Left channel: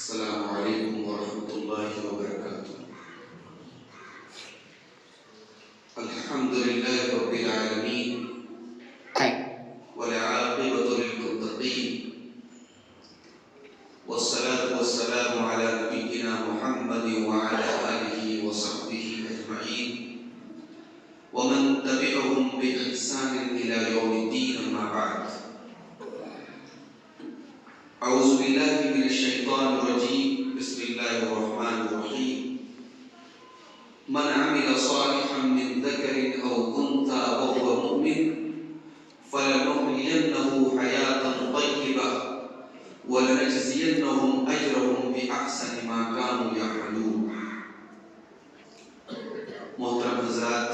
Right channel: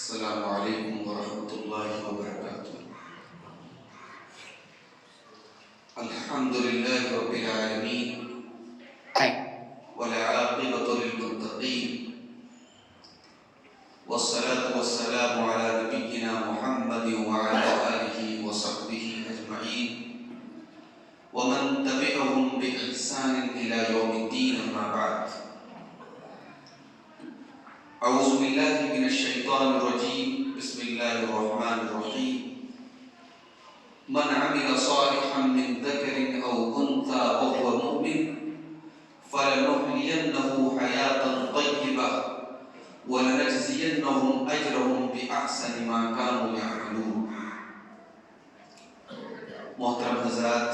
السلام علیکم ورحمۃ اللہ وبرکاتہ۔ الحمد للہ رب العالمین والعاقبۃ للمتقین والصلاة والسلام علی نبینا محمد وعلی آلہ وصحبہ اجمعین ومن تبعهم بإحسان إلى يوم الدین، اما بعد۔ اعوذ باللہ من الشیطان الرجیم، بسم اللہ الرحمن الرحیم۔ من عمل صالحا من ذکر او انثى وهو مؤمن فلنحيينه حیاة طیبہ ولنجزینهم اجرهم بأحسن ما كانوا يعملون۔ محترم حضرات،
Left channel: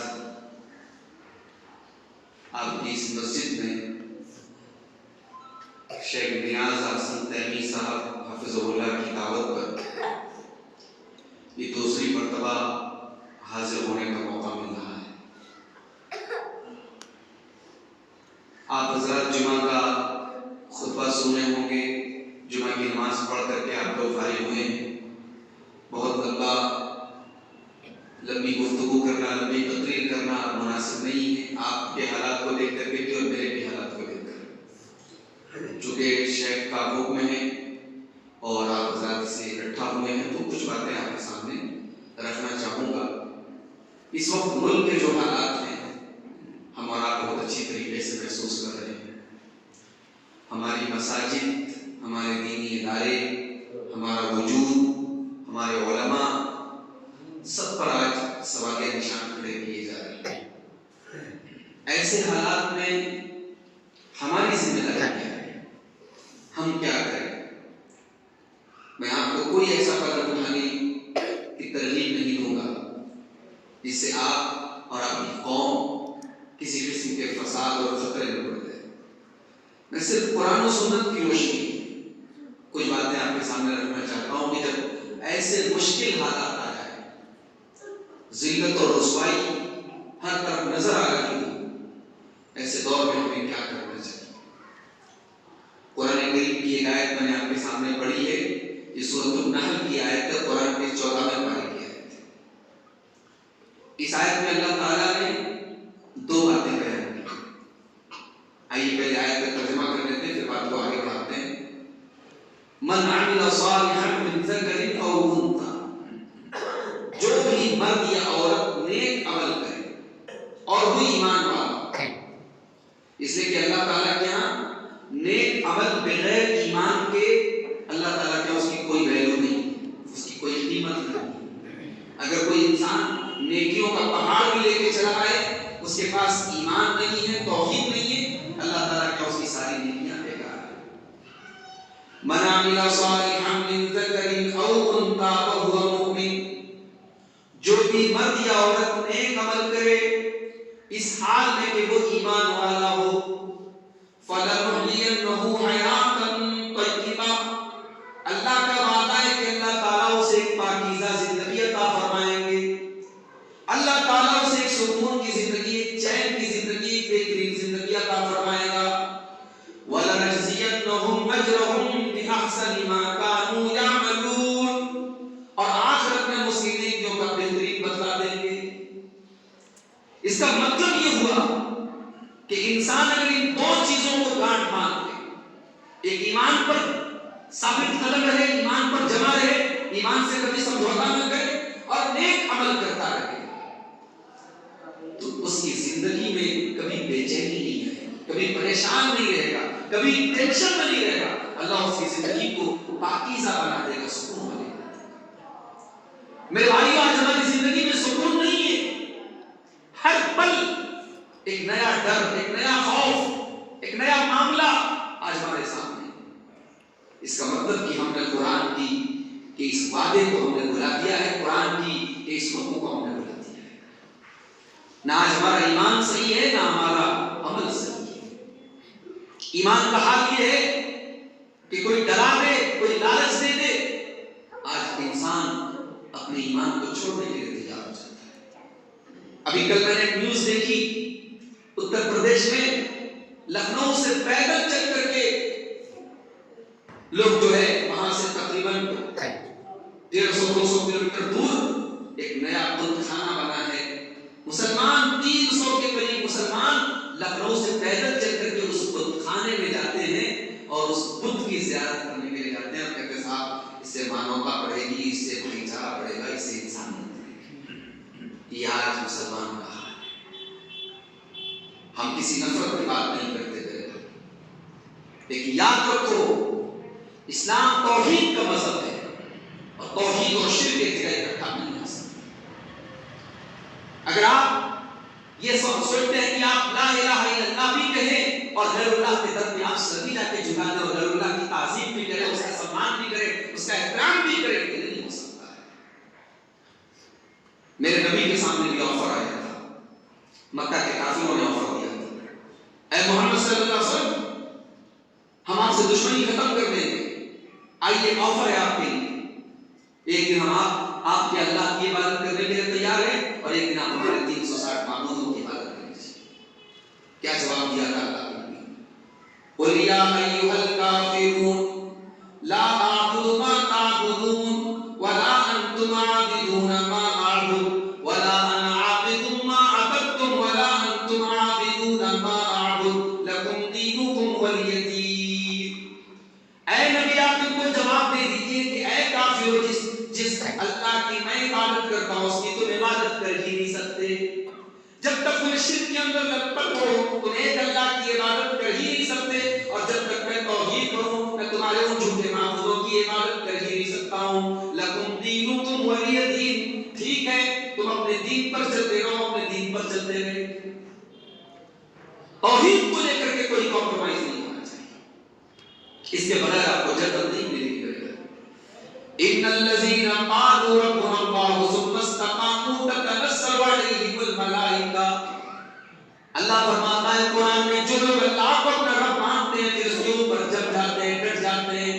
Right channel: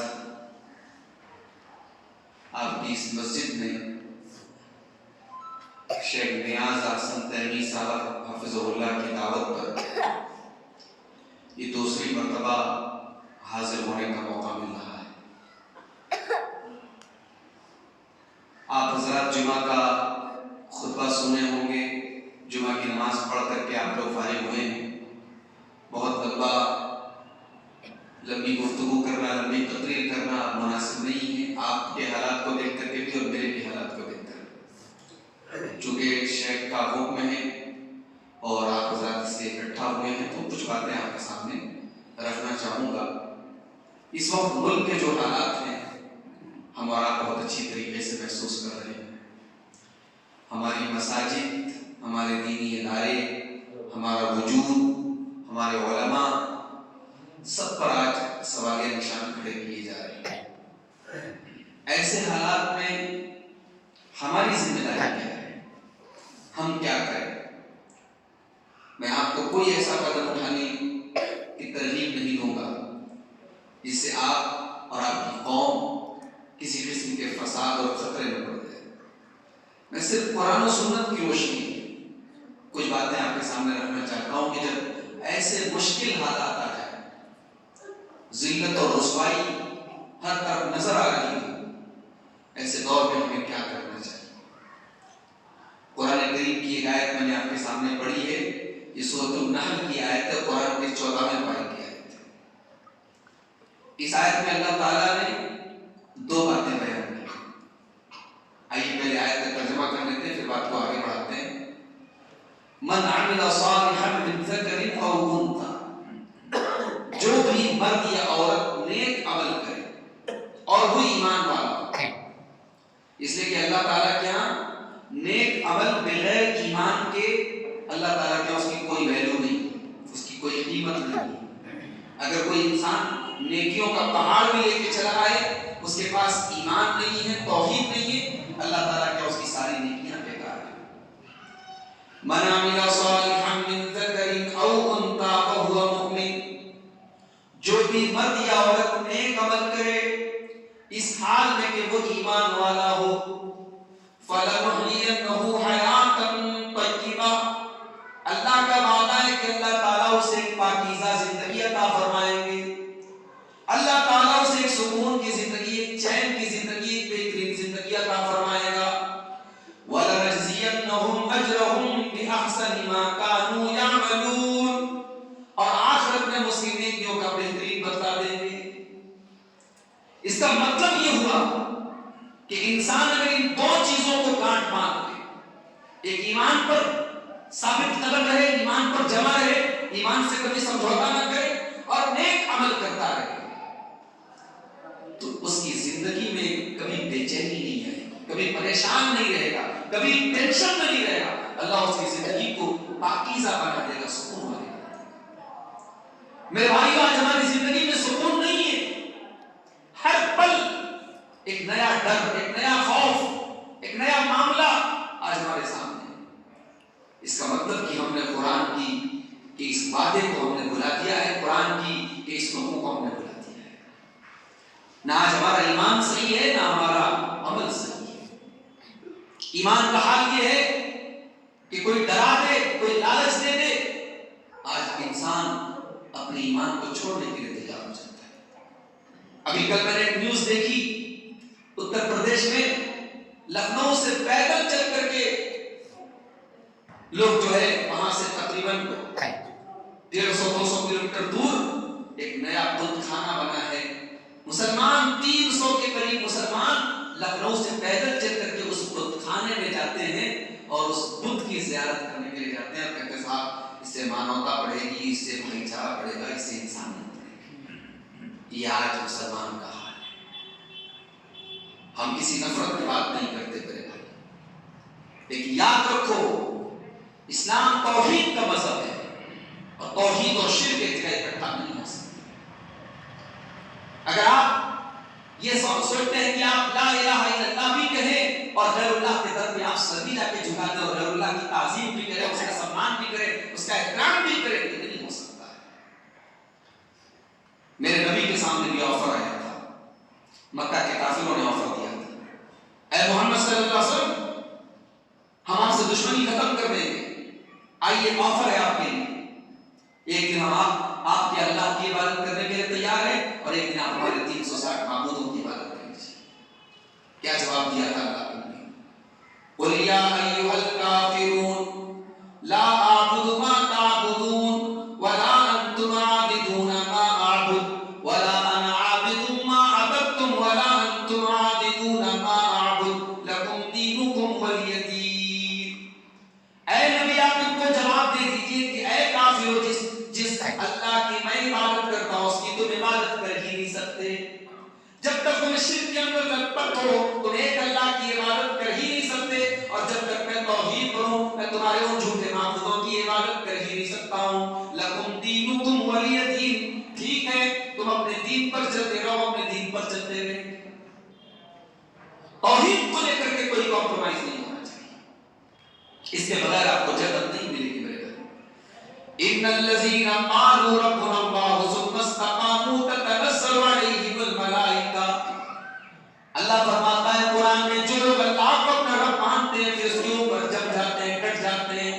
آپ کی اس مسجد میں شیخ نیاز احسن تیمی صاحب حفظہ اللہ کی دعوت پر یہ دوسری مرتبہ حاضر ہونے کا موقع مل رہا ہے۔ آپ حضرات جمعہ کا خطبہ سنے ہوں گے، جمعہ کی نماز پڑھ کر کے آپ لوگ فارغ ہوئے ہیں۔ بہت لمبی گفتگو کرنا، لمبی تقریر کرنا اب مناسب نہیں ہے، آپ کے حالات کو دیکھ کر کے بھی اور میرے بھی حالات کو دیکھ کر، چونکہ شیخ کا حکم ہے اور آپ حضرات سے اکٹھا ہوئے ہیں تو کچھ باتیں آپ کے سامنے رکھنا چاہوں گا۔ اس وقت ملک کے جو حالات ہیں ہم اور آپ بہت اچھی طریقے سے محسوس کر رہے ہیں۔ ہماری مساجد، ہمارے دینی ادارے، ہمارا وجود، ہمارے علماء، سب پر آج سوالیہ نشان کھڑے کیے جا رہے ہیں۔ ایسے حالات میں ہماری ذمہ داری کیا ہے؟ ہم کیا کریں؟ میں آپ کو کوئی ایسا قدم اٹھانے کی ترغیب نہیں دوں گا جس سے آپ اور آپ کی قوم کسی قسم کے فساد اور خطرے میں پڑ جائے۔ میں صرف قرآن و سنت کی روشنی میں کچھ باتیں آپ کے سامنے رکھنا چاہتا ہوں کہ جب ایسے مشکل حالات آ جائیں، ذلت اور رسوائی ہر طرف نظر آ رہی ہو، ایسے دور میں ہمیں کیا کرنا چاہیے؟ قرآن کریم کی ایک آیت میں نے آپ کے سامنے پڑھی ہے، یہ سورۃ النحل کی آیت ہے، قرآن کی 14ویں پارے کی آیت ہے۔ اس آیت میں اللہ تعالیٰ نے دو باتیں بیان کی۔ آئیے پہلے آیت کا ترجمہ کر لیتے ہیں، پھر بات کو آگے بڑھاتے ہیں۔ من عمل صالحا من ذکر او انثى، جو بھی مرد یا عورت نیک عمل کرے اور وہ ایمان والا ہو، اس لیے کہ اللہ تعالیٰ کے یہاں نیک عمل بغیر ایمان کے اللہ تعالیٰ کے اس کی کوئی ویلیو نہیں، اس کی کوئی قیمت نہیں۔ اگر کوئی انسان نیکیوں کا پہاڑ بھی لے کے چلا آئے، اس کے پاس ایمان نہیں ہے، توحید نہیں ہے، اللہ تعالیٰ کے اس کی ساری نیکیاں بیکار ہیں۔ من عمل صالحا من ذکر او انثى وهو مؤمن، جو بھی مرد یا عورت نیک عمل کرے اس حال میں کہ وہ ایمان والا ہو، فَلَنُحْيِيَنَّهُ حَيَاةً طَيِّبَةً، اللہ کا وعدہ ہے کہ اللہ تعالیٰ اسے ایک پاکیزہ زندگی عطا فرمائیں گے، اللہ تعالیٰ اسے ایک سکون کی زندگی، ایک چین کی زندگی، ایک بہترین زندگی عطا فرمائے گا۔ وَلَنَجْزِيَنَّهُمْ أَجْرَهُمْ بِأَحْسَنِ مَا كَانُوا يَعْمَلُونَ، اور آخرت میں اس کی نیکیوں کا بہترین بدلہ دیں گے۔ اس کا مطلب یہ ہوا کہ انسان اگر ان دو چیزوں کو گانٹھ باندھ لے، ایک ایمان پر ثابت قدم رہے، ایمان پر جمع رہے، ایمان سے کبھی سمجھوتا نہ کرے اور نیک عمل کرتا رہے، تو اس کی زندگی میں کبھی بے چینی نہیں رہے گی، کبھی پریشان نہیں رہے گا، کبھی ٹینشن میں نہیں رہے گا۔ اللہ اس کی زندگی کو پاکیزہ بنا دے گا، سکون والے بنا دے گا۔ میرے بھائیو، آج ہماری زندگی میں سکون نہیں ہے، ہر پل ایک نیا ڈر، ایک نیا خوف، ایک نیا معاملہ آج ہمارے سامنے ہے۔ اس کا مطلب کہ ہم نے قرآن کی کہ اس وعدے کو ہم نے بھلا دیا ہے، قرآن کی کہ اس حکم کو ہم نے بھلا دیا ہے۔ نہ آج ہمارا ایمان صحیح ہے، نہ ہمارا عمل صحیح ہے۔ ایمان کا حال یہ ہے کہ کوئی ڈرا دے، کوئی لالچ دے دے، آج انسان اپنے ایمان کو چھوڑنے کے لیے تیار ہو جاتا ہے۔ ابھی کل میں نے ایک نیوز دیکھی، اتر پردیش میں لکھنؤ سے پیدل چل کر کے لوگ جو ہے وہاں سے تقریباً 150-200 کلومیٹر دور ایک نیا بت خانہ بنا ہے. مسلمان 300 کے قریب مسلمان لکھنؤ سے پیدل چل کر کے اس بت خانے میں جاتے ہیں اور اس بت کی زیارت کرنے کے لیے جاتے ہیں اور کہتے ہیں صاحب اس سے مانوتا بڑھے گی، اس سے بھائی چارہ بڑھے گا، اس سے انسانیت بڑھے گی. یہ آج مسلمان کا حال ہے. ہم کسی نفرت کی بات نہیں کرتے میرے بھائی، لیکن یاد رکھو اسلام توحید کا مذہب ہے اور توحید اور شرک ایک جگہ اکٹھا نہیں ہو سکتے. اگر آپ یہ سوچتے ہیں کہ آپ لا الہ الا اللہ بھی کہیں اور غیر اللہ کی طرف بھی آپ سر جا کے جھکا دیں اور غیر اللہ کی تعظیم بھی کریں، اس کا سمان بھی کریں، اس کا احترام بھی کریں، یہ نہیں ہو سکتا ہے. میرے نبی کے سامنے بھی آفر آیا تھا، مکہ کے کافروں نے آفر دیا تھا، اے محمد صلی اللہ علیہ وسلم ہم آپ سے دشمنی ختم کر دیں گے، آئیے آفر ہے آپ کے لیے، ایک دن ہم آپ کے اللہ کی عبادت کرنے کے لیے تیار ہیں اور ایک دن آپ ہمارے 360 معبودوں کی عبادت کریں گے. کیا جواب دیا تھا اللہ نے؟ قل یا ایھا الکافرون لا اعبد ما تعبدون ولا انتم عابدون ما اعبد ولا انا عابد ما عبدتم ولا انتم عابدون ما اعبد لکم دینکم ولی دین. اے نبی آپ ان کو جواب دے دیجئے کہ اے کافروں جس اللہ کی میں عبادت کرتا ہوں اس کی تم عبادت کر ہی نہیں سکتے. جب تک تم شرک کے اندر لگ پٹ ہو تم ایک اللہ کی عبادت کر ہی نہیں سکتے، اور جب تک میں توحید کروں میں تمہارے ان جھوٹے معبودوں کی عبادت کر ہی نہیں سکتا ہوں. لکم دینکم ولی دین. ٹھیک ہے تم اپنے دین پر چلتے رہو، اپنے دین پر چلتے رہے. توحید کو لے کر کے کوئی کمپرومائز نہیں ہونا چاہیے، اس کے بغیر آپ کو جنت نہیں ملے گی. ان الذين قالوا ربنا الله ثم استقاموا تتنزل عليهم الملائكه. اللہ فرماتا ہے قرآن میں جو لوگ اللہ کو اپنا رب مانتے ہیں پھر اس کے اوپر جم جاتے ہیں، ڈٹ جاتے ہیں،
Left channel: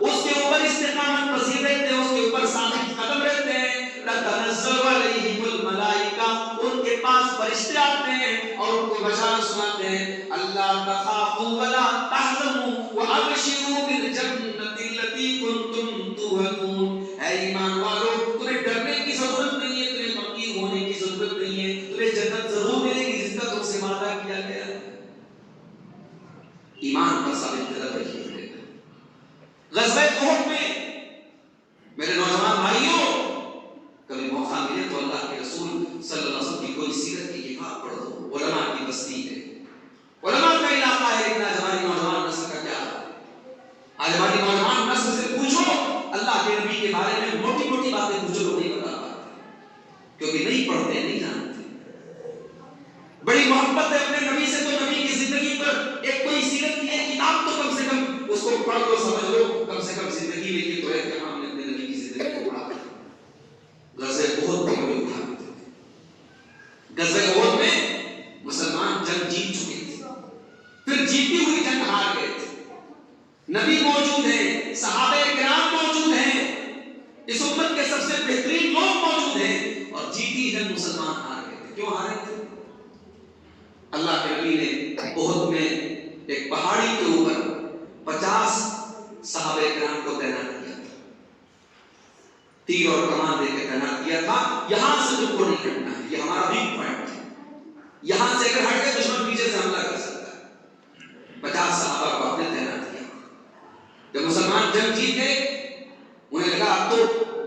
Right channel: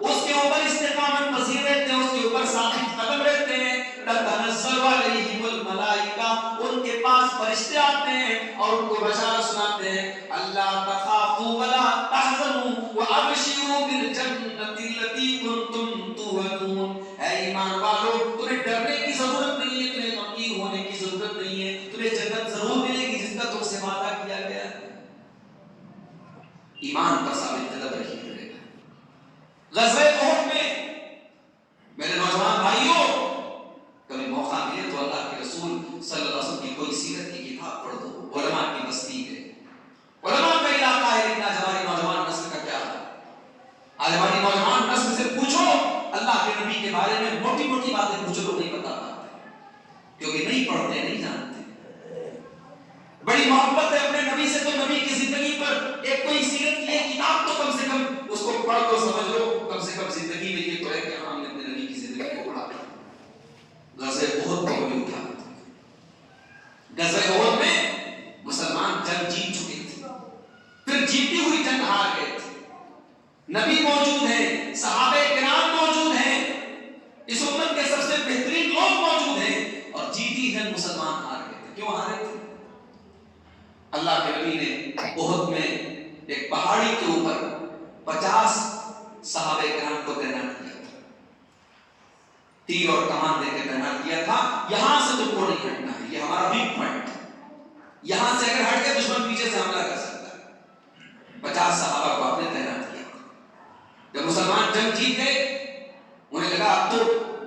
اس کے اوپر استقامت پذیر رہتے ہیں، اس کے اوپر ثابت قدم رہتے ہیں، تتنزل علیہم الملائکہ، ان کے پاس فرشتے آتے ہیں اور ان کو بشارت سناتے ہیں، اللہ تخافوا ولا تحزنوا وابشروا بالجنۃ التي كنتم توعدون. اے ایمان والو تمہیں ڈرنے کی ضرورت نہیں ہے، تمہیں غمگین ہونے کی ضرورت نہیں ہے، تمہیں جنت ضرور ملے گی جس کا تم سے وعدہ کیا گیا ہے. ایمان پر ثابت قدم رہیے. غزوہ احد میں میرے نوجوان بھائیوں کبھی موقع ملے تو اللہ کے رسول صلی اللہ علیہ وسلم کی کوئی سیرت کی کتاب پڑھ دو. علماء کی بستی ہے، علماء کا علاقہ ہے، لیکن آج ہماری نوجوان نسل کا کیا ہے؟ آج ہماری نوجوان نسل سے پوچھو اللہ کے نبی کے بارے میں موٹی موٹی باتیں پوچھو، لوگ نہیں بتا پاتے کیونکہ نہیں پڑھتے، نہیں جانتے. بڑی محبت ہے اپنے نبی سے تو نبی کی زندگی پر ایک کوئی سیرت کی ایک کتاب تو کم سے کم اس کو پڑھ دو، سمجھ لو، کم سے کم زندگی میں یہ تو ہے کہ ہاں ہم نے اپنے نبی کی زندگی کو پڑھا. غزوہ احد میں کوئی اٹھا نہیں تھا. غزوہ احد میں مسلمان جنگ جیت چکے تھے، پھر جیتی ہوئی جنگ ہار گئے تھے. نبی موجود ہیں، صحابہ کرام موجود ہیں، اس امت کے سب سے بہترین لوگ موجود ہیں، اور جیتی جنگ مسلمان ہار گئے تھے. کیوں ہارے تھے؟ اللہ کے نبی نے احد میں ایک پہاڑی کے اوپر 50 صحابہ کرام کو تعینات کیا تھا، تیر اور کمان دے کے تعینات کیا تھا. یہاں سے تم کو نہیں ہٹنا ہے، یہ ہمارا ویک پوائنٹ ہے، یہاں سے اگر ہٹ گئے دشمن پیچھے سے حملہ کر سکتا ہے. 50 صحابہ کو آپ نے تعینات کیا. جب مسلمان جنگ جیت گئے انہیں لگا اب تو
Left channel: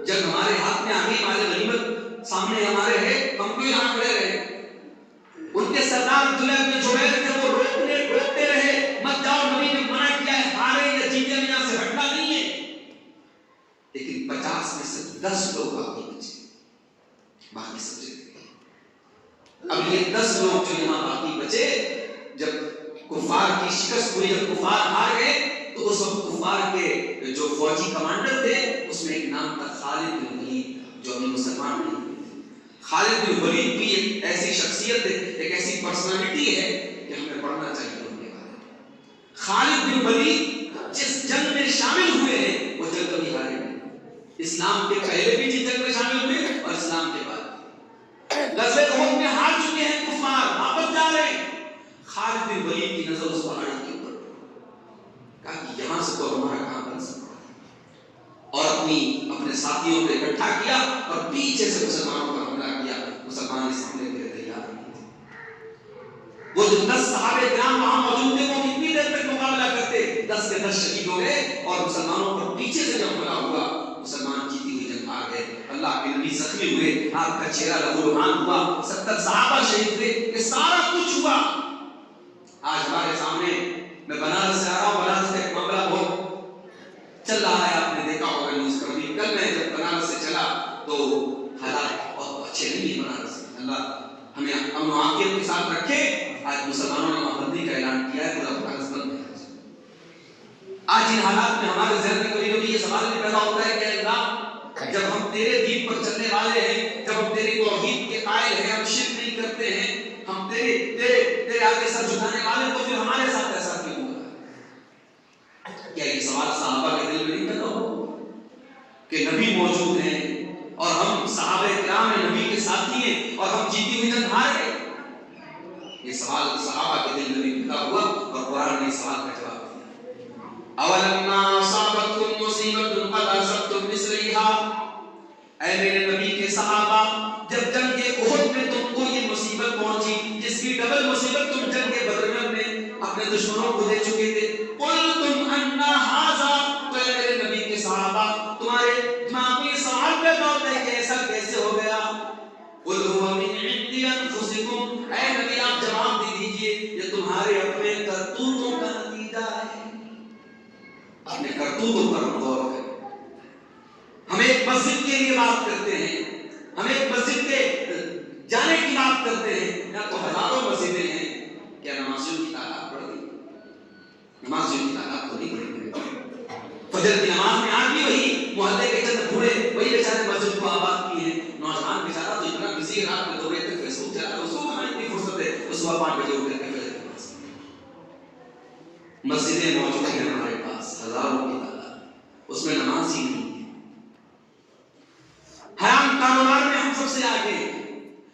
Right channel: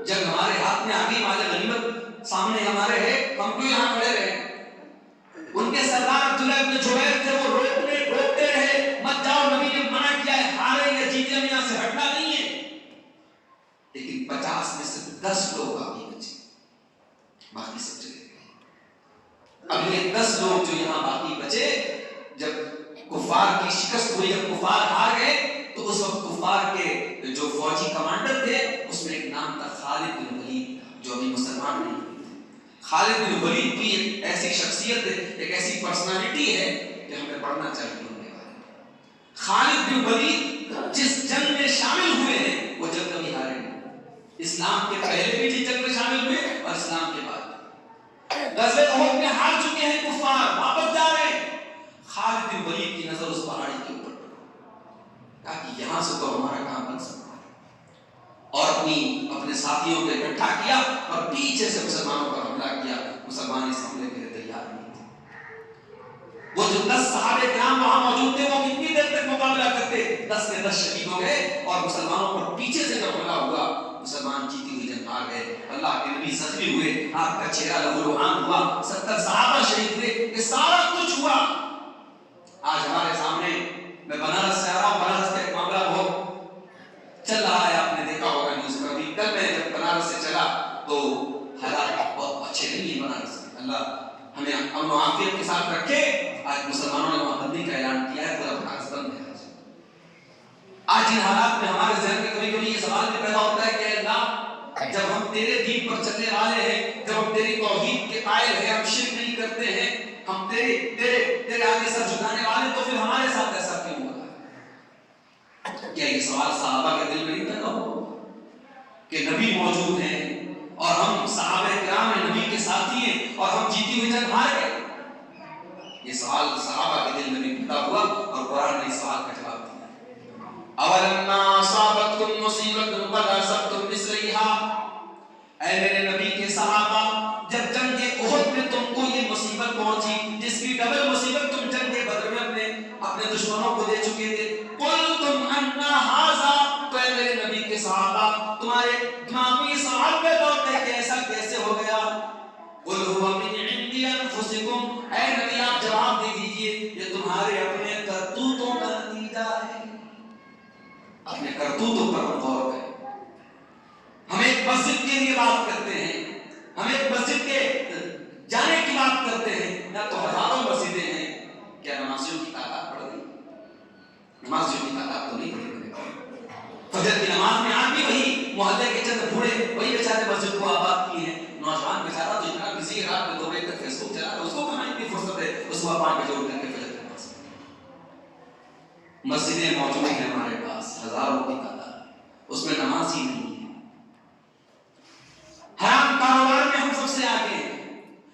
جنگ ہمارے ہاتھ میں آ گئی، مال غنیمت سامنے ہمارے ہے، ہم کیوں یہاں کھڑے رہے. ان کے سردار عبداللہ بن جبیر تھے، وہ روکتے رہے، مت جاؤ، نبی نے منع کیا ہے، ہارے یا جیتے میں یہاں سے ہٹنا نہیں ہے. لیکن 50 میں سے 10 لوگ باقی بچے، باقی سب چلے گئے. اب یہ 10 لوگ جو یہاں باقی بچے، جب کفار کی شکست ہوئی، جب کفار ہار گئے، تو اس وقت کفار کے جو فوجی کمانڈر تھے اس میں ایک نام تھا خالد بن ولید، جو ابھی مسلمان نہیں. خالد بن ولید کی ایک ایسی شخصیت ہے، ایک ایسی پرسنالٹی ہے کہ ہمیں پڑھنا چاہیے ان کے بارے میں. خالد بن ولید جس جنگ میں شامل ہوئے ہیں وہ جنگ کبھی ہارے نہیں. اسلام کے پہلے بھی جس جنگ میں شامل ہوئے اور اسلام کے بعد. غزوہ احد میں ہار چکے ہیں کفار، واپس جا رہے ہیں. خالد بن ولید کی نظر اس پہاڑی کے اوپر، کہا کہ یہاں سے تو ہمارا کام بن سکتا ہے، اور اپنے ساتھیوں کو اکٹھا کیا اور پیچھے سے مسلمانوں پر حملہ کیا۔ مسلمان اس حملے کے لیے تیار نہیں تھے۔ وہ جو 10 صحابہ کرام وہاں موجود تھے وہ کتنی دیر تک مقابلہ کرتے؟ 10 کے 10 شہید ہو گئے، اور مسلمانوں پر پیچھے سے جب حملہ ہوا مسلمان جیتی ہوئی جنگ ہار گئے۔ اللہ کے نبی زخمی ہوئے، آپ کا چہرہ لہولہان ہوا، 70 صحابہ شہید ہوئے، یہ سارا کچھ ہوا۔ آج ہمارے سامنے، میں بنارس سے آ رہا ہوں، بنارس کا ایک معاملہ بہت چل رہا ہے، آپ نے دیکھا ہوگا نیوز پر بھی۔ کل میں جب بنارس سے چلا تو حالات بہت اچھے نہیں ہیں بنارس میں۔ اللہ ہمیں امن و عافیت کے ساتھ رکھے۔ آج مسلمانوں نے وہاں بندی کا اعلان کیا ہے، پورا بنارس بند ہے۔ آج ان حالات میں ہمارے ذہن میں کبھی کبھی یہ سوال بھی پیدا ہوتا ہے کہ اللہ، جب ہم تیرے دین پر چلنے والے ہیں، جب ہم تیری توحید کے قائل ہیں، ہم شرک نہیں کرتے ہیں، ہم تیرے آگے سر جھکانے والے، تو پھر ہمارے ساتھ ایسا کیوں ہوگا؟ کیا یہ سوال صحابہ کے دل میں نہیں پیدا ہو کہ نبی موجود ہیں اور ہم صحابہ کرام ہیں، نبی کے ساتھی ہیں، اور ہم جیتی ہوئی جنگ ہار گئے؟ یہ سوال صحابہ کے دل میں نہیں پیدا ہوا، اور قرآن نے اس سوال کا جواب دیا۔ اولما اصابتکم مصیبۃ قد اصبتم مثلھا، اے میرے نبی کے صحابہ، جب جنگ احد میں تم کو یہ مصیبت پہنچی جس کی ڈبل مصیبت تم جنگ بدر میں اپنے دشمنوں کو دے چکے تھے، قلتم ان ھذا، تو اے میرے نبی کے صحابہ تمہارے دماغ میں یہ سوال پیدا ہوتا ہے کہ ایسا کیسے ہو گیا؟ قل ھو من عند انفسکم، اے نبی آپ جواب دے دیجئے یہ تمہارے اپنے کرتوتوں کا نتیجہ ہے۔ اپنے کرتوتوں پر ہم غور کریں۔ ہم ایک مسجد کے لیے بات کرتے ہیں، ہم ایک مسجد کے جانے کی بات کرتے ہیں، نہ تو ہزاروں مسجدیں ہیں، کیا نمازیوں کی تعداد بڑھ گئی؟ نمازیوں کی تعداد تو نہیں بڑھ گئی۔ فجر کی نماز میں آج بھی وہی محلے کے چند بوڑھے وہی بیچارے مسجد کو آباد کیے ہیں، نوجوان بیچارہ تو اتنا بزی ہے، رات میں 2 بجے تک فیس بک چلا تو اس کو کہاں اتنی فرصت ہے اس صبح 5 بجے اٹھ کر کے فجر کی نماز۔ مسجدیں موجود ہیں ہمارے پاس ہزاروں کی تعداد، اس میں نماز ہی نہیں ہے۔ حرام کاروبار میں ہم سب سے آگے ہیں،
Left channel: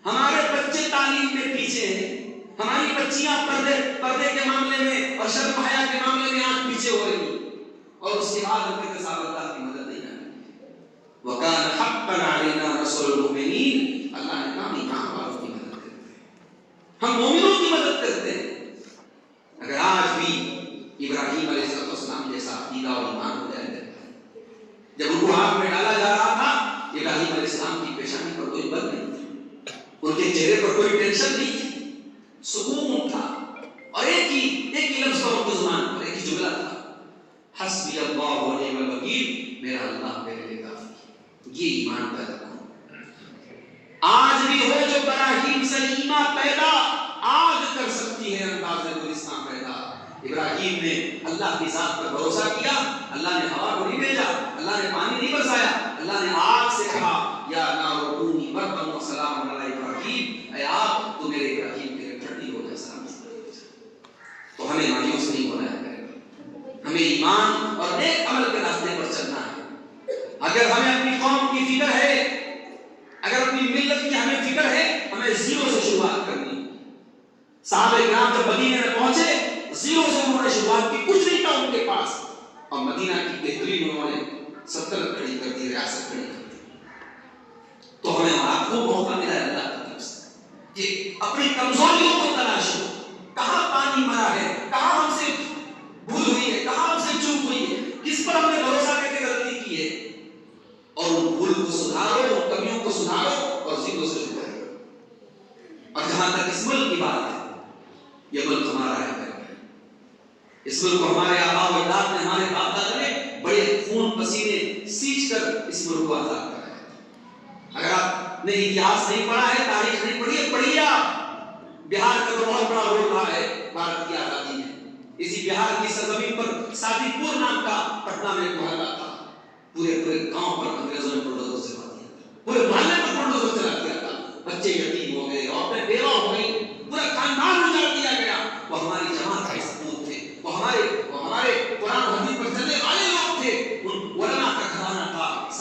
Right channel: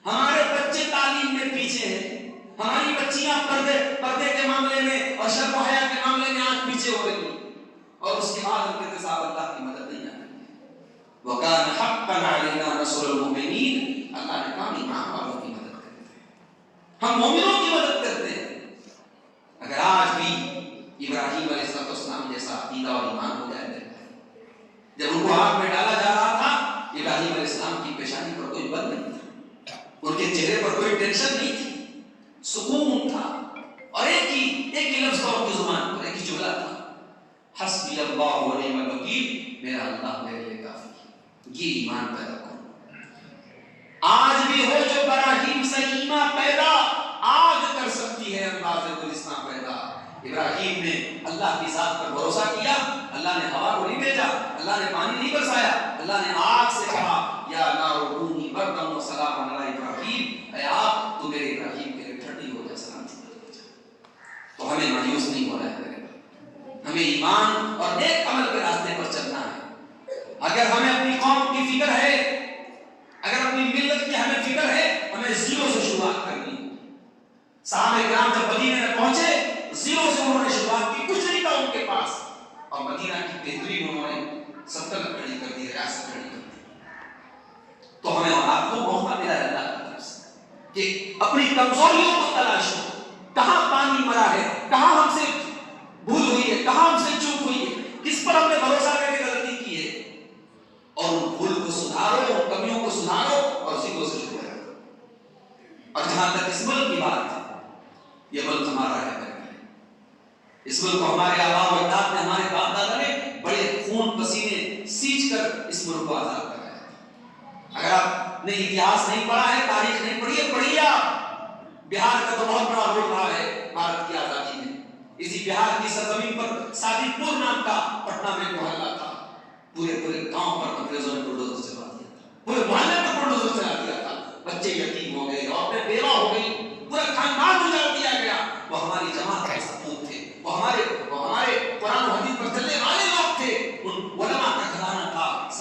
ہمارے بچے تعلیم میں پیچھے ہیں، ہماری بچیاں پردے کے معاملے میں اور شرم و حیا کے معاملے میں آج پیچھے ہو رہی ہیں، اور اس کے بعد ان کے ساتھ اللہ کی مدد نہیں آ رہی۔ وَكَانَ حَقًّا عَلَيْنَا نَصْرُ الْمُؤْمِنِينَ، اللہ نے کہا ایمان والوں کی مدد کرتے ہیں، ہم مومنوں کی مدد کرتے ہیں۔ اگر آج بھی ابراہیم علیہ السلام جیسا عقیدہ اور ایمان ہو جائے، جب ان کو آگ میں ڈالا جا رہا تھا ابراہیم علیہ السلام کی پیشانی پر کوئی بل نہیں تھا، ان کے چہرے پر کوئی ٹینشن نہیں تھی، سکون تھا، اور ایک ہی لفظ تھا ان کی زبان پر، ایک ہی جملہ تھا، حسبی اللہ و نعم الوکیل، میرا اللہ میرے لیے کافی ہے۔ یہ ایمان پیدا کرو۔ آج بھی ہو جو براہیم سے ایمان پیدا، آگ کر سکتی ہے انداز گلستان پیدا۔ ابراہیم نے اللہ کی ذات پر بھروسہ کیا، اللہ نے ہوا کو نہیں بھیجا، اللہ نے پانی نہیں برسایا، اللہ نے آگ سے کہا یا نار کونی بردا و سلاما علی ابراہیم، اے آگ تو میرے ابراہیم کے لیے ٹھنڈی ہو جائے، سلام سے۔ تو ہمیں مایوس نہیں ہونا ہے، ہمیں ایمان اور نیک عمل کے راستے پر چلنا ہے۔ اگر ہمیں اپنی قوم کی فکر ہے، اگر اپنی ملت کی ہمیں فکر ہے، ہمیں زیرو سے شروعات کرنی ہے۔ صحابہ کرام جب مدینے میں پہنچے زیرو سے انہوں نے شروعات کی، کچھ نہیں تھا ان کے پاس، اور مدینہ کی بہترین انہوں نے سلطنت کھڑی کر دی، ریاست کھڑی کر دی۔ تو ہمیں اور آپ کو موقع ملا ہے اللہ کی طرف سے کہ اپنی کمزوریوں کو تلاشو، کہاں پانی مرا ہے، کہاں ہم سے بھول ہوئی ہے، کہاں ہم سے چوک ہوئی ہے، کس پر ہم نے بھروسہ کر کے غلطی کی ہے، اور ان بھول کو سدھارو، ان کمیوں کو سدھارو، اور زیرو سے شروع کرو۔ اور جہاں تک اس ملک کی بات ہے، یہ ملک ہمارا ہے، اس ملک کو ہمارے آباء و اجداد نے، ہمارے باپ دادا نے بڑے خون پسینے سینچ کر اس ملک کو آزاد کرایا ہے۔ اگر آپ نے اتہاس نہیں پڑھا ہے، تاریخ نہیں پڑھی ہے، پڑھیے آپ۔ بہار کا تو بہت بڑا رول رہا ہے بھارت کی آزادی میں۔ اسی بہار کی سرزمین پر سادی پور نام کا پٹنہ میں ایک محلہ تھا، پورے گاؤں پر انگریزوں نے بلڈوزر سے مار دیا تھا، پورے محلے پر بلڈوزر چلا دیا تھا، بچے یتیم ہو گئے، عورتیں بیوہ ہو گئی، پورا خاندان اجاڑ دیا گیا۔ وہ ہماری جماعت کے سپوت تھے، وہ ہمارے قرآن و حدیث پر چلنے والے لوگ تھے، ان علماء کا گھرانہ تھا،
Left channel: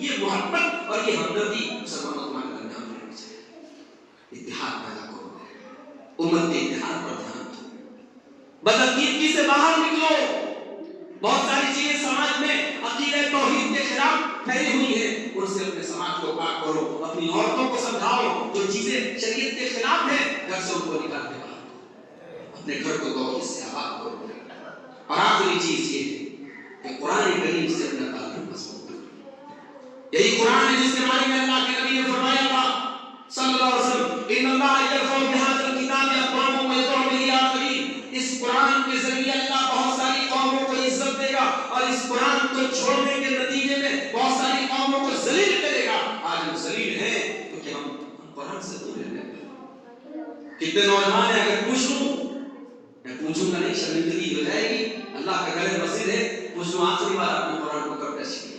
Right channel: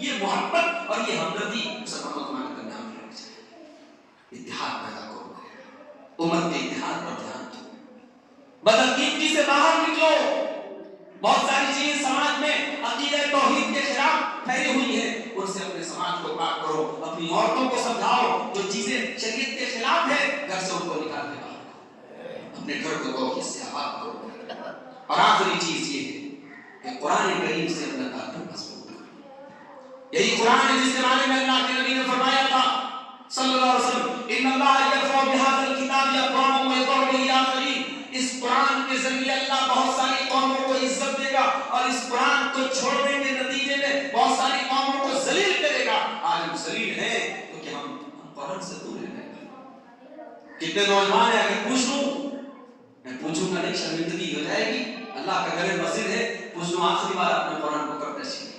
یہ محبت اور یہ ہمدردی مسلمانوں تمہارے درمیان میں رکھ جائے. اتحاد پیدا کرو، امت کے اتحاد پر دھیان دو، بدعقیدگی سے باہر نکلو. بہت ساری چیزیں سماج میں عقیدہ توحید کے خلاف پھیلی ہوئی ہیں، ان سے اپنے سماج کو پاک کرو. اپنی عورتوں کو سمجھاؤ جو چیزیں شریعت کے خلاف ہیں گھر سے ان کو نکال کے باہر کرو، اپنے گھر کو توحید سے آباد کرو. اور آخری چیز یہ ہے کہ قرآن کریم سے اپنا تعلق مضبوط کرو. یہی قرآن ہے جس کے بارے میں اللہ کے نبی نے فرمایا تھا صلی اللہ علیہ وسلم ان اللہ یرفع بهذا الکتاب اقواما ویضع به آخرین. اس قرآن کے ذریعے اللہ بہت ساری قوموں کو عزت دے گا اور اس قرآن کو چھوڑنے کے نتیجے میں بہت ساری قوموں کو ذلیل کرے گا. آج ہم ذلیل ہیں کیونکہ ہم قرآن سے دور رہنے لگے. کتنے نوجوان ہیں، اگر پوچھ لوں، میں پوچھوں گا نہیں شرمندگی ہو جائے گی. اللہ کا گھر مسجد ہے، پوچھ لوں آخری بار آپ نے قرآن کو کب ٹچ کیا؟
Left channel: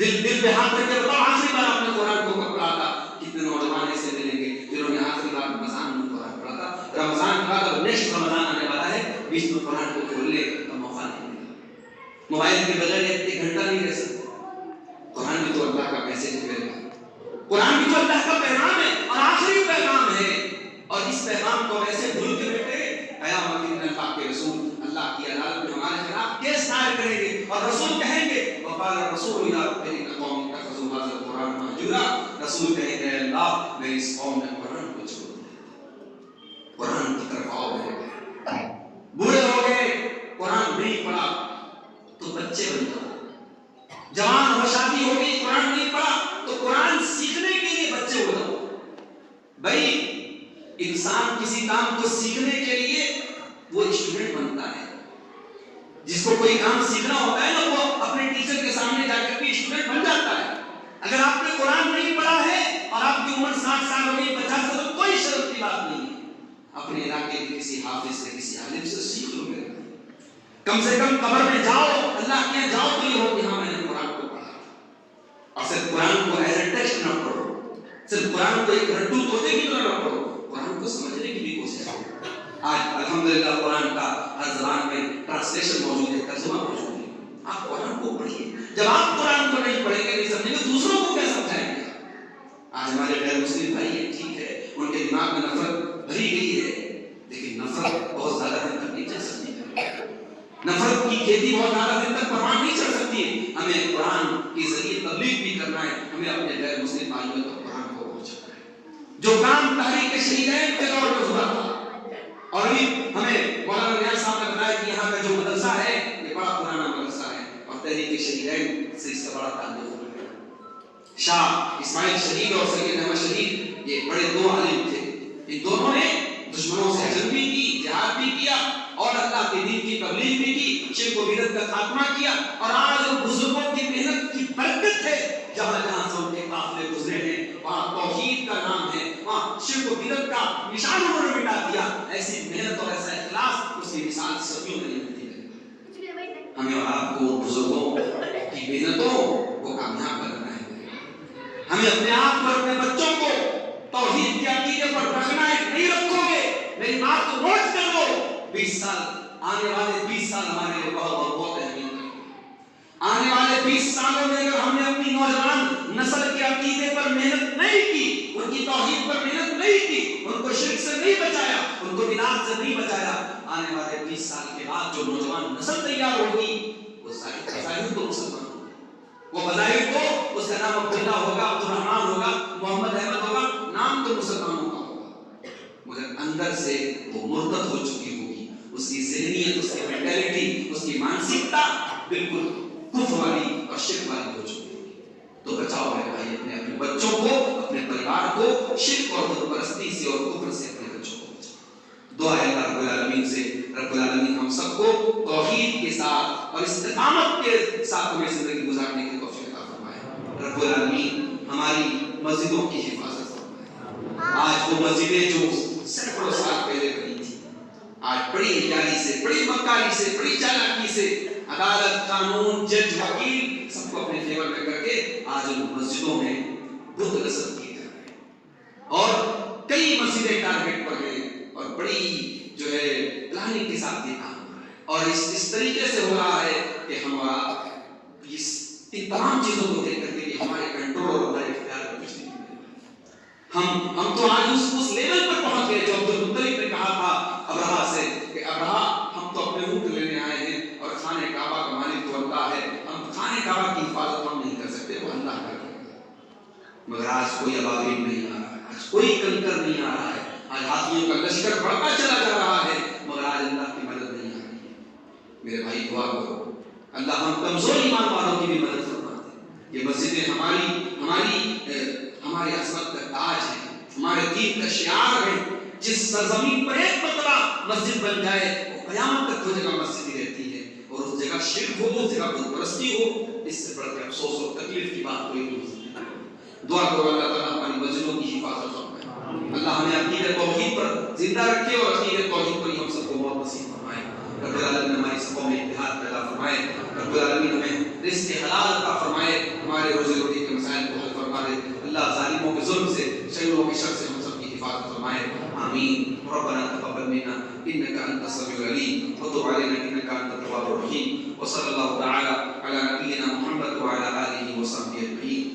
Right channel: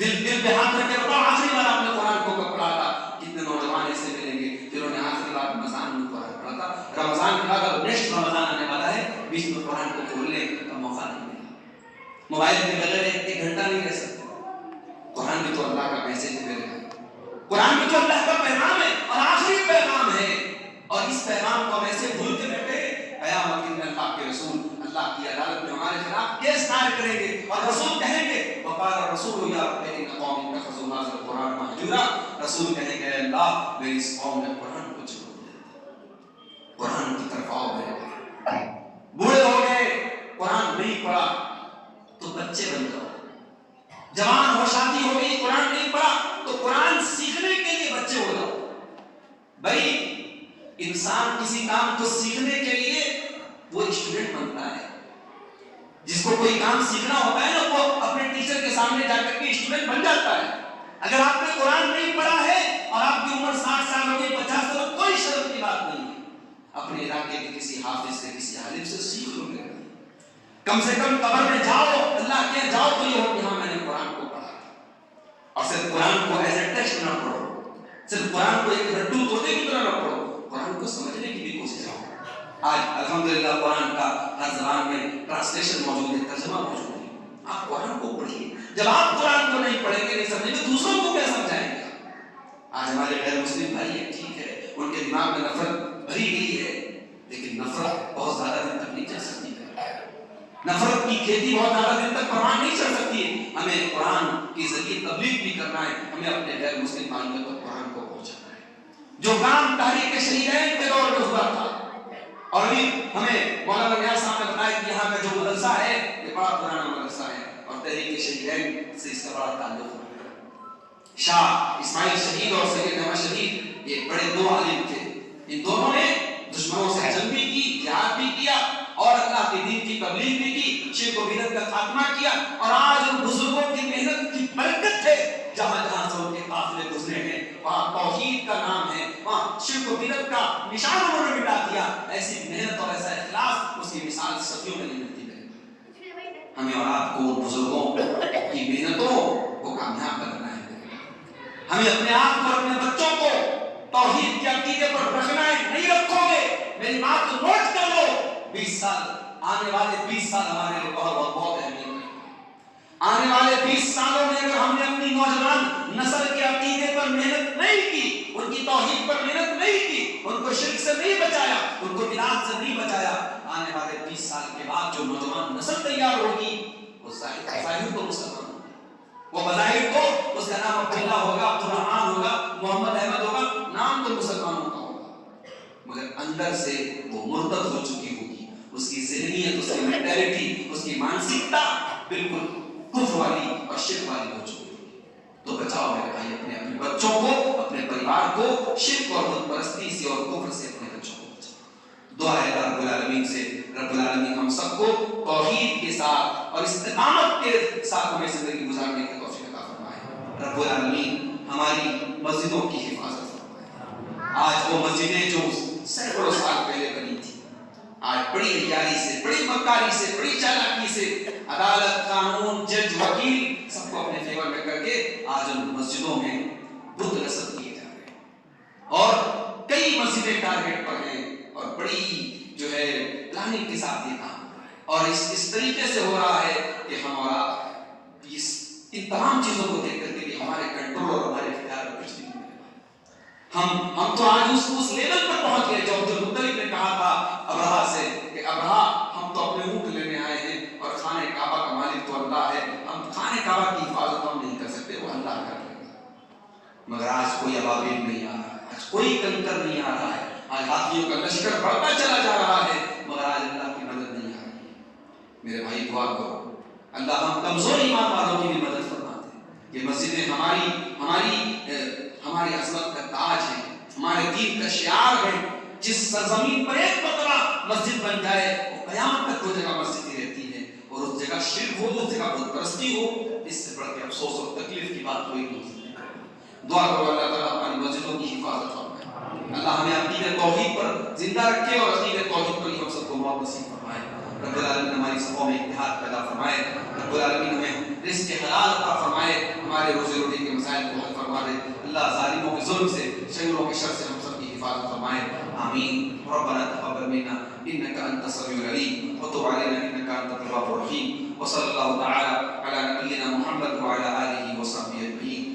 دل پہ ہاتھ رکھ کے بتاؤ آخری بار آپ نے قرآن کو کب پڑھا تھا؟ کتنے نوجوان ایسے ملیں گے جنہوں نے آخری بار رمضان میں قرآن پڑھا تھا. رمضان کا تھا، نیکسٹ رمضان آنے والا ہے، بیچ میں قرآن کو کھولنے کا موقع نہیں ملا. موبائل کے بغیر ایک گھنٹہ نہیں رہ سکتے. قرآن بھی تو اللہ کا میسج ہے، قرآن بھی تو اللہ کا پیغام ہے اور آخری پیغام ہے. اور اس پیغام کو ویسے بھول کے بیٹھے قیامت کے دن اللہ کے رسول اللہ کی عدالت میں ہمارے خلاف کیس دائر کریں گے اور رسول کہیں گے وقال الرسول الى ربهم قوم اتخذوا هذا القرآن مهجورا. رسول کہیں گے اللہ میری اس قوم نے قرآن کو چھوڑ دیا، قرآن کی طرف آؤ. بوڑھے ہو گئے، قرآن نہیں پڑھا تو بچے بن جاؤ. جوان ہو، شادی ہو گئی، قرآن نہیں پڑھا تو قرآن سیکھنے کے لیے بچے ہو جاؤ. بھائی انسان کسی کام کو سیکھنے کے لیے وہ اسٹوڈنٹ بنتا ہے. جس کو کوئی کام سیکھنا ہوتا ہے نا وہ اپنے ٹیچر کے سامنے جا کر کے اسٹوڈنٹ بن جاتا ہے. اگر آپ نے قرآن نہیں پڑھا ہے اور آپ کی عمر 60 سال ہو گئی، 50 سال، تو کوئی شرم کی بات نہیں ہے. اپنے علاقے کے کسی حافظ سے، کسی عالم سے سیکھ لو. میرے کم سے کم قبر میں جاؤ، اللہ کے جاؤ تو یہ ہو کہ ہاں میں نے قرآن کو پڑھا. اور صرف قرآن کو ایز اے ٹیکسٹ نہ پڑھو، صرف قرآن کو ایک رٹو طوطے کی طرح نہ پڑھو، قرآن کو سمجھنے کی بھی کوشش کرو. آج الحمدللہ قرآن کا ہر زبان میں ٹرانسلیشن موجود ہے، ترجمہ موجود ہے. آپ قرآن کو پڑھیے. جب آپ قرآن کو نہیں پڑھیں گے، نہیں سمجھیں گے، دوسروں کو کیا سمجھائیں گے؟ آج ہمارے غیر مسلم بھائی ہیں، ٹھیک ہے، ان کے دماغ میں نفرت بھری گئی ہے، لیکن نفرت بہت زیادہ دن تک نہیں چل سکتی. نفرت کی کھیتی بہت زیادہ دن تک پروان نہیں چڑھ سکتی. ہمیں قرآن کے ذریعے تبلیغ بھی کرنا ہے، ہمیں اپنے غیر مسلم بھائیوں تک قرآن کو پہنچانا ہے. جو کام تحریک شہیدین کے دور میں ہوا تھا، اور ابھی ہمیں مولانا نیاز صاحب نے بتایا کہ یہاں کا جو مدرسہ ہے یہ بڑا پرانا مدرسہ ہے اور تحریک شہیدین سے اس کا بڑا تعلق ہے. شاہ اسماعیل شہید اور سید احمد شہید یہ بڑے دو عالم تھے. ان دونوں نے دشمنوں سے جنگ بھی کی، جہاد بھی کیا اور اللہ کے دین کی تبلیغ بھی کی، شرک و بدعت کا خاتمہ کیا. اور آج ان بزرگوں کی محنت کی برکت ہے، جہاں جہاں سے ان کے قافلے گزرے ہیں وہاں توحید کا نام ہے، وہاں شرک و بدعت کا نشان انہوں نے مٹا دیا. ایسی محنت اور ایسا اخلاص اس کی مثال صدیوں میں نہیں ملتی ہے. ہمیں اور آپ کو بزرگوں کی محنتوں کو کامیاب بنانا ہے. ہمیں اپنے آپ کو، اپنے بچوں کو توحید کے عقیدے پر رکھنا ہے. نہیں رکھو گے، میری بات کو نوٹ کر لو، 20 سال آنے والے 20 سال ہمارے لیے بہت اہمیت رکھیں گے. آنے والے 20 سالوں میں اگر ہم نے اپنی نوجوان نسل کے عقیدے پر محنت نہیں کی، ان کی توحید پر محنت نہیں کی، ان کو شرک سے نہیں بچایا، ان کو بدعت سے نہیں بچایا، آنے والے 20 سال کے بعد جو نوجوان نسل تیار ہوگی وہ ظاہر تو مسلمان ہوگا، وہ بظاہر تو اس کا نام عبداللہ ہوگا، عبدالرحمان ہوگا، محمد احمد ہوگا، نام تو مسلمانوں کا ہوگا، مگر اندر سے وہ مرتد ہو چکی ہوگی. اس کی ذہنیت، اس کی مینٹیلٹی، اس کی مانسکتا بالکل کفر والی اور شرک والی ہو چکی ہوگی. تو بچاؤ میرے بھائی اپنے بچوں کو، اپنے پریوار کو شرک اور بت پرستی سے اور کفر سے اپنے بچوں کو بچاؤ. دعا ہے اللہ رب العالمین سے، رب العالمین ہم سب کو توحید کے ساتھ اور استقامت کے ساتھ ہمیں زندگی گزارنے کی توفیق عطا فرمائے. رب العالمین ہماری مسجدوں کی حفاظت فرمائے. آج وہ مسجدیں جو سینکڑوں سال پہلے بنی تھی، آج بڑی عیاری سے، بڑی مکاری سے، بڑی چالاکی سے عدالت، قانون، جج، وکیل سب کو اپنے فیور میں کر کے آج ان مسجدوں میں بت رسم کیے جا رہے ہیں اور کئی مسجدیں ٹارگیٹ پر ہیں اور بڑی جو ہے پلاننگ کے ساتھ یہ کام ہو رہا ہے. اور اس طریقے سے ہو رہا ہے کہ ہم اور آپ ان تمام چیزوں کو دیکھ کر کے بھی ہمارے کنٹرول اور ہمارے اختیار میں کچھ نہیں ہے۔ ہم تو آج اس لیول پر پہنچ گئے جو عبد المطلب نے کہا تھا ابرہا سے کہ ابرہا ہم تو اپنے اونٹ لینے آئے ہیں اور خانہ کعبہ کا مالک تو اللہ ہے، ہم خانہ کعبہ کی حفاظت ہم نہیں کر سکتے، وہ اللہ کر لیں گے۔ مگر آج کوئی ابابیل نہیں آ رہا ہے، آج کوئی کنکر نہیں آ رہا ہے، آج ہاتھیوں کا لشکر بڑھتا چلا جا رہا ہے، مگر آج اللہ کی مدد نہیں آ رہی ہے۔ میرے بھائی دعا کرو اللہ ہم کمزور ایمان والوں کی بھی مدد فرما دے۔ یہ مسجدیں ہماری عظمت کا تاج ہے، ہمارے دین کا شعار ہے۔ جس سرزمین پر ایک مرتبہ مسجد بن جائے وہ قیامت تک وہ جگہ مسجد ہی رہتی ہے، اور اس جگہ شرک ہو، اس جگہ بت پرستی ہو، اس سے بڑھ کے افسوس اور تکلیف کی بات کوئی نہیں ہے۔ دعا کرو اللہ تعالیٰ ہماری مسجدوں کی حفاظت فرمائے، اللہ ہمیں عقیدہ توحید پر زندہ رکھے اور عقیدہ توحید پر ہی ہم سب کو موت نصیب فرمائے۔ رب العالمین ہماری صفوں میں اتحاد پیدا فرمائے، رب العالمین ہمیں رزق حلال عطا فرمائے، ہمارے روزی روٹی کے مسائل کو حل فرما دے، اللہ ظالموں کے ظلم سے، شروروں کے شر سے ہم سب کی حفاظت فرمائے، آمین۔ ربنا تقبل منا انك انت السميع العليم وتب علينا انك انت التواب الرحيم، وصلى الله تعالى على نبينا محمد وعلى اله وصحبه اجمعين۔